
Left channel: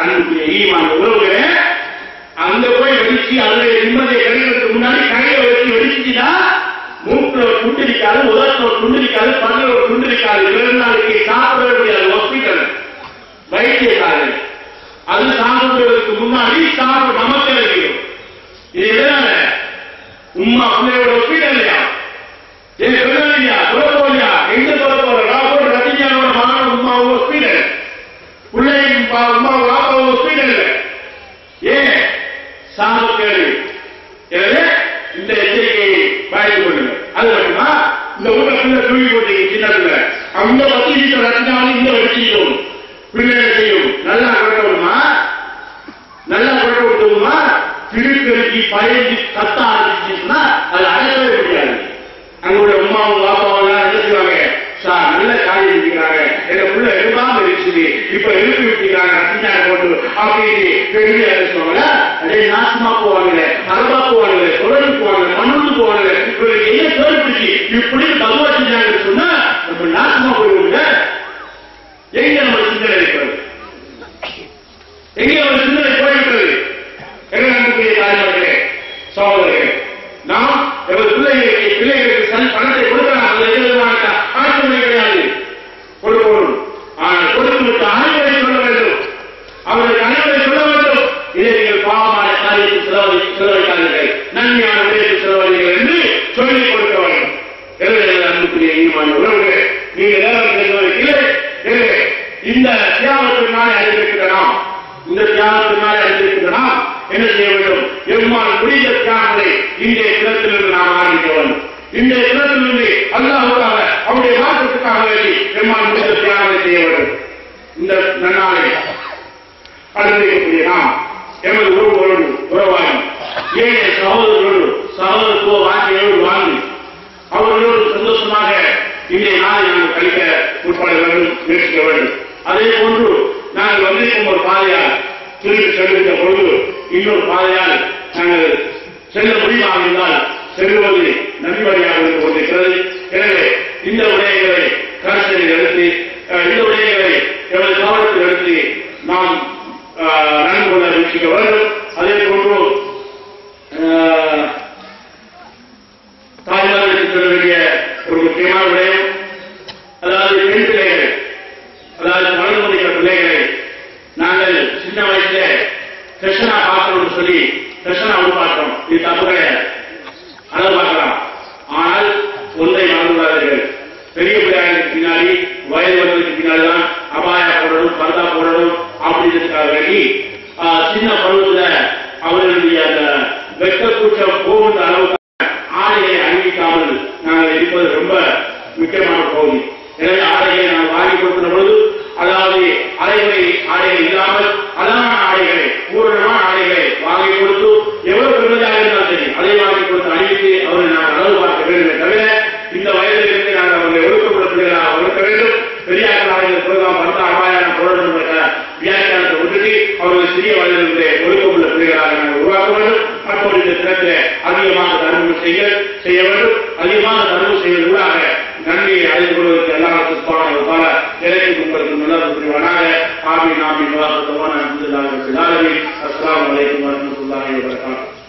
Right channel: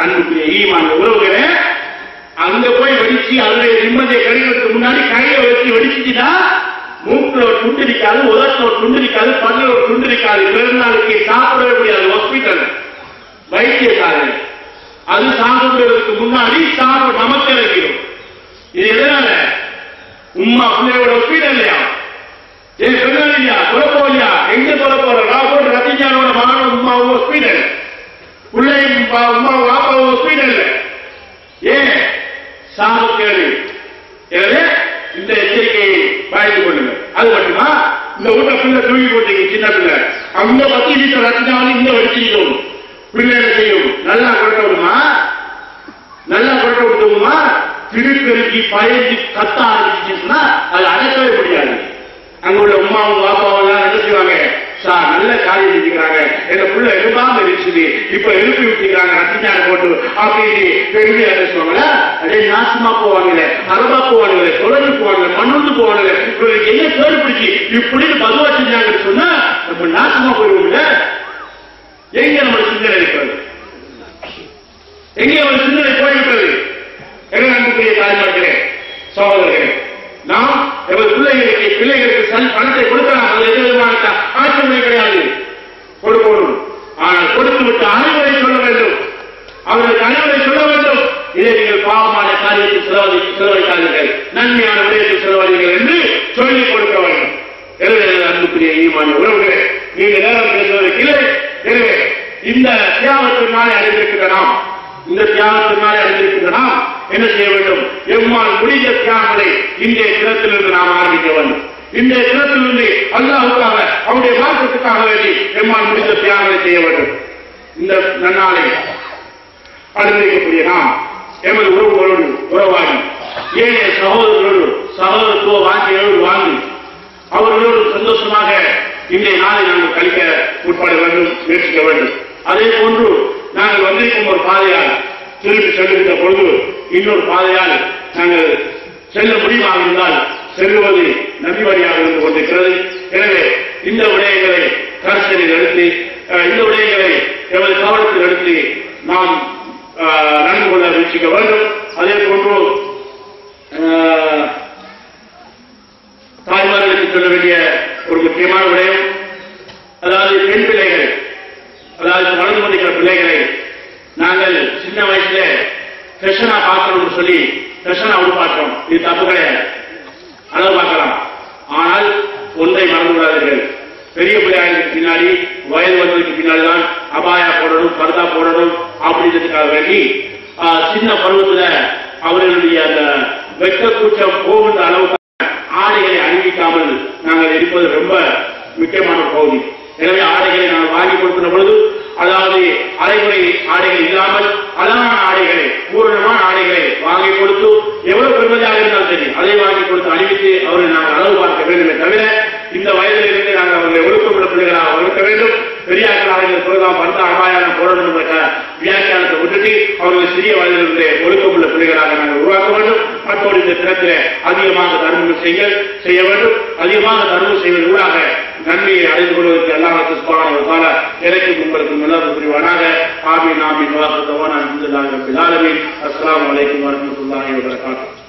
அன்புக்குரிய ஈமான் உறவுகளே, அங்க போய் வெடிச்சு அதனுடைய நிம்மதியை கிடைக்கிறதுக்கு முன்னாடி கையை வச்சு வெடிச்சுட்டா மூக்குல ஒரு துண்டு இருக்காது, உதட்டில் ஒரு துண்டு இருக்காது, பல்ல ஒரு துண்டு இருக்காது. 2 நாளைக்கு சாப்பிடவே முடியாது. ஹாஸ்பிட்டல் வைத்தியசாலை அது சாப்பிடுறதுக்கு முன்னாடி சாப்பிட நமக்கு கிடைக்கும். இது எதனால? உம்மா பிள்ளையோட ஒப்பீடு இல்லையா? ஏன் சொல்லலையா? குழப்போலையா? எங்க சொல்ல போற? ராபோட் ரத்திஜானோட மகனோட உம்மாவும் ஒப்பீடு, பிள்ளையும் உமாவும் வாப்பாவும் ஒப்பீடு இல்லை. ஏன்? சாப்பிட்டு எனவே இந்த எச்சரிக்கையை பாய்ந்து கொள்ளுங்க. அது மட்டுமா? இந்த ஊட்ட பிள்ளை தூக்கி போட்டீங்க, சின்ன பிள்ளை அந்த 10 லிட்டர் ரத்தினாலும் இந்த வெடிச்சிட்டோம். பிள்ளை செய்யும். நல்லா குறைக்க விடுமா? நல்லா குறைக்க விட்டுமா? திருப்பெருக்கி பயந்து கத்த ஆரம்பிச்சு இப்ப எழுப்பி விட்டுக்கிறாங்க அத்திஞான போட்டு அப்படின்னு பெருமையா பேசுவாங்களா? அதே நாசமா போவாங்களே, அரபா போவாங்களே, தொடர்ந்து போவாங்க, மண்ணுந்து போவாங்களே, இவருக்கு என்ன பேரு பிடிச்சி இப்படின்னு பதுவா செஞ்சாங்கன்னு சொன்னா நம்ம நாசமா போயிடுவோம்ல. எங்க நம்ம சிந்தனை இருக்கிறது? எங்கே ஒரு சிந்தனை போய்விட்டது? என்ன அன்புக்குரிய தாய்மார்களே, சகோதரர்களே, நாம் எங்கள் பிள்ளைகளுக்கு பணத்தை கொடுக்கலாம், அது எந்த விதமான ஆட்சேபனை கிடையாது, கொடுக்கணும். ஆனால் கொடுத்து விட்டு அறிவுரை சொல்ல வேண்டும், அவர்களுக்கு அறிவுரை சொல்ல வேண்டும். இதை நீங்கள் பாவமான காரியத்தில் செலவழிக்காதீர்கள், நன்மையான விடயத்தில் செலவழிகள் என்று சொல்லிக் கொடுக்க வேண்டும். எனவே அன்புக்குரிய ஈமான் உறவுகளே, நீங்கள் நேரம் பேசுவதற்கு இல்லை. எனவே இந்த தியாகத்தினாலே அறிந்திருக்கிற நாம், இந்த தியாகத்தினாலே அறிந்திருக்கிற நாம் என்ன செய்ய வேண்டும்? எம்மால் முடிந்த தியாகங்களை இன்றைய தினத்திலிருந்து நாம் ஆரம்பிக்க வேண்டும். இன்றைய தினத்திலிருந்து அல்லாஹ்வுக்காக, அவருடைய மார்க்கத்துக்காக வேண்டி எம்மால் முடிந்த தியாகங்களை செய்ய வேண்டும். இந்த நன்னாளை அறிந்திருக்கக்கூடிய நாம் எமது உறவாகி ஏனைய சகோதரத்துவ வாங்கியோடு வாங்கி அவர்களோடு சந்தோஷமாக இன்றைய நாளை நாங்கள் கழிக்க உட்பட வேண்டும், முயற்சிக்க வேண்டும். அதே போன்று நாங்கள் வந்திருக்கும் ஒரு பாதையால் திரும்பி செல்கின்ற பொழுது இன்னொரு பாதையால் நாங்கள் செல்ல முடியுமாக இருந்தால் செல்வது நன்றிவழியாக இருந்து கொண்டிருக்கிறது. எனவே இந்த விடயங்களை கருத்தில் எடுத்து, இந்த விடயங்களை எமது கவனத்தில் எடுத்து நாம் நடந்து கொள்ள முயற்சிக்க வேண்டும். அதே போன்று தாய்மார்களுக்கு சொல்ல வேண்டிய ஒரு முக்கியமான விடயம், அதாவது பெண் பிள்ளைகள், அதாவது வளர்ந்து கொண்டிருக்கிற பிள்ளைகளை நாங்கள் சின்ன வயசுல ஃபெஷனா பார்க்கணும்னு சொல்லி ஃபெஷனா உருவாக்குறோம். இது தப்பு கிடையாது, அளவு பார்க்கலாம். ஆனால் ஒன்றை மறந்துவிடாதீர்கள், பெரிய பிள்ளைகளுக்கு பின்னாடி வயது வந்ததுக்கு பின்னாடிதான் அபாயா போடணும், பர்தா போடணும் அப்படின்றதுக்காக வேண்டி சின்ன பருவத்துல அவர்களுடைய அந்த வெட்ட கூச்சம் போகின்ற அளவுக்கு ஆடைகளை அணிவிக்காமல் நாங்கள் இருப்பது ரொம்ப முக்கியமான பகுதி. எனவே ஆடைகளை நாங்கள் வாங்கி கொடுக்கிற பொழுது, அதாவது அரைகுறை ஆடைகள் இல்லாமல் அழகான ஆடைகளை, பூரணமான ஆடைகளை வாங்கி கொடுத்து, எவ்வளவு பெருமதியாக இருந்தாலும் சரி அதை வாங்கி கொடுத்து அணிவித்து அவர்களை நாங்கள் அளவு பார்க்க வேண்டுமே தவிர, இந்த வயதிலிருந்து நாங்கள் அவர்களை ஒழுக்கமுள்ள பிள்ளைகளாக வளர்க்க வேண்டும். பெரியார்களாக இந்த புரோகிராம் பந்த அபாயான போடணும் என்ற வியாக்கியானத்தை விட்டுட்டு அவர்களை சிறிய வயதிலிருந்து ஒழுக்கமுள்ள பிள்ளைகளாக நாங்கள் உருவாக்க வேண்டும். மற்றொரு இந்த தினத்தில் அதிகமாக தர்மம் செய்ய வேண்டும். அதிகமாக தர்மம் செய்வதற்காக நன்மையை அடைந்து கொள்வதற்கு அல்லாஹ் சுப்ஹானஹு வ தஆலா எனக்கும் உங்களுக்கும் நல்லது புரிவானாக. ஆமீன் ஆமீன். வாஹிரு தவானா அல்ஹம்துலில்லாஹி ரப்பில் ஆலமீன். அஸ்ஸலாமு அலைக்கும் வரஹ்மத்துல்லாஹி வ பரகாத்துஹு.